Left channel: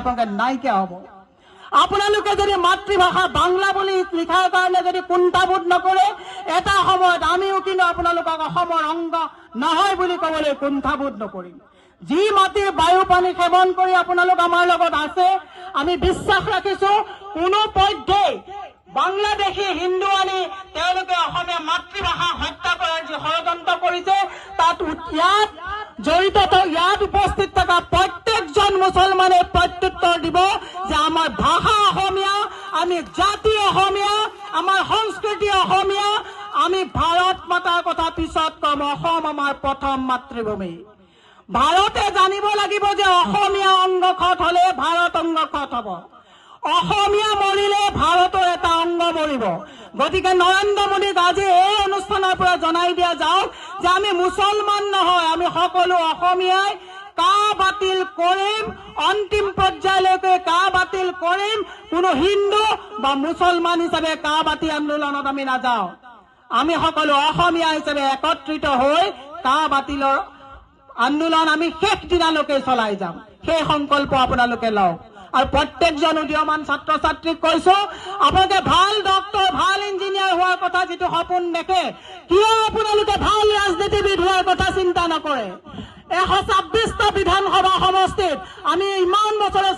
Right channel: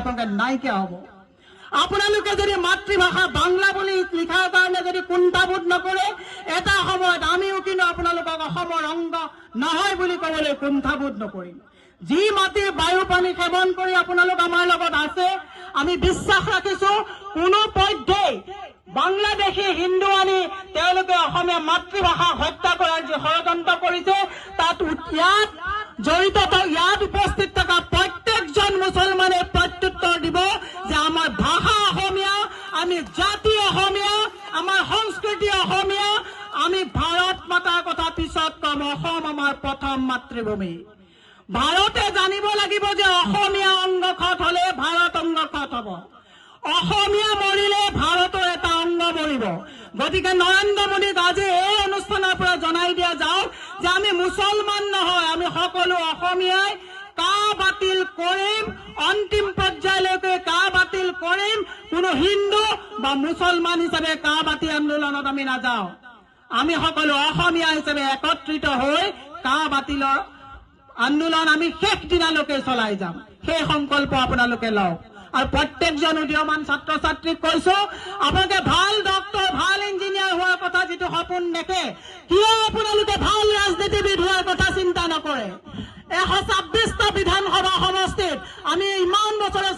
আপোনালোকে নাইকিয়া হ'ব। আপোনালোকে যদি মাতৃভাষা বাংলা বুলি লিখাৰ কাৰণে যদি কুণ্ঠাবোধ নকৰে, এটা সময়ত আমিও কিন্তু আপোনালোকক অসমৰ অংগ নহয় বুলি ক'বলৈ কুণ্ঠাবোধ নকৰিম। যি মাটিৰ বায়ু পানী সেৱন কৰি আপোনালোক আমাৰ লগত আছে, আমি বিশ্বাস ৰাখিছো কোনো পধ্যেই বাংলাদেশী হিন্দু আনি তেওঁলোকে অসমীয়া মাতৃভাষা হত্যা কৰাৰ যি ষড়যন্ত্ৰ কৰিছে, তাত ইয়াত জড়িত ইয়াত উপস্থিত থকা প্ৰত্যেকজন মুছলমানে প্ৰত্যুত্তৰ দিব যে আমাৰ ভাষা অসমীয়া, আমি জাতি অসমীয়া, আমাৰ সংস্কৃতি অসমীয়া, আমি ভাৰত মাতাৰ কথা পিছত কম। অসম আমাৰ প্ৰথম মাতৃভূমি। ভাৰতে জানিব লাগিব যে অসমীয়া অংগ ক্ষত হলে ভাৰত অংগ ক্ষত হ'ব। অসমীয়া মৰিলে ভাৰতৰ এটা অংগ মৰিব। গতিকে নৰেন্দ্ৰ মোদীক আজি এই অনুষ্ঠানৰ পৰা জনাই দিয়া যাওক যে আমি মুছলমান নহয়, আমি সকলো অসমীয়াই কা বাতিল কৰিম, অন্তিম পৰ্যায়লৈকে কা বাতিল কৰিম। কোনো হিন্দু বা মুছলমান হিচাপে কা বাতি আন্দোলনত আমি নাযাওঁ। আমি সকলো অসমীয়া হিচাপে একত্ৰিত হৈ কা বাতিলৰ আন্দোলন আমি শেষ দিনালৈকে চলাই যাম। সেই সংকল্প আপোনালোকে লওক। আৰু প্ৰত্যেকজন উদীয়মান ছাত্ৰ ছাত্ৰীক কৈছো, আপোনালোকে ভাল ডক্তৰ, ভাল ইঞ্জিনিয়াৰ হোৱাৰ কথা যিটো সপোন দেখে, কিয় আপোনালোকে ভাল ৰাজনীতিবিদ হোৱাৰ কথা চিন্তা নকৰে? 126টা বিধানসভা সমষ্টিত আমি ইমান বছৰে